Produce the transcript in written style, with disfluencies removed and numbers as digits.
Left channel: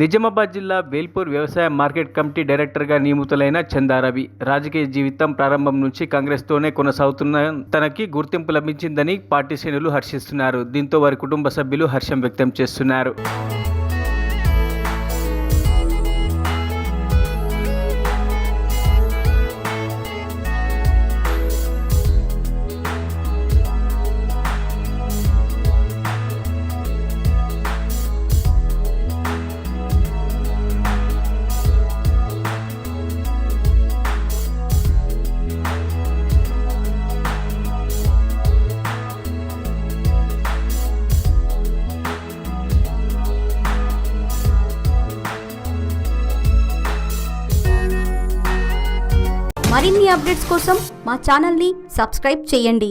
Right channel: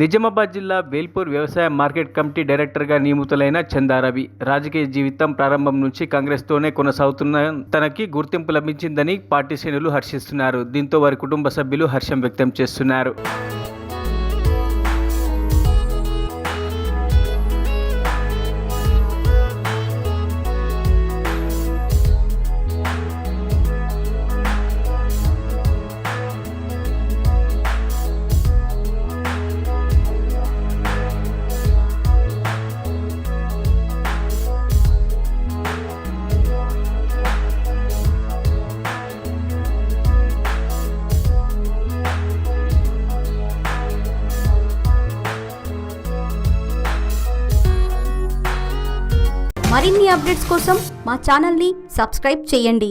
నిజామాబాద్ జిల్లా వేల్పూర్ వ్యవసాయ market committee డైరెక్టర్గా నియమితులైన చందారవి రాజకీయ జీవితం ప్రారంభం నుంచి కాంగ్రెస్తోనే కొనసాగుతున్న తనకి గుర్తింపు లభించిందని పార్టీ శ్రేణులు హర్షిస్తున్నారు. దీంతో వారి కుటుంబ సభ్యులు హర్షం వ్యక్తం చేస్తున్నారు. మరిన్ని అప్డేట్స్ కోసం మా ఛానల్ని సబ్స్క్రైబ్ చేయండి.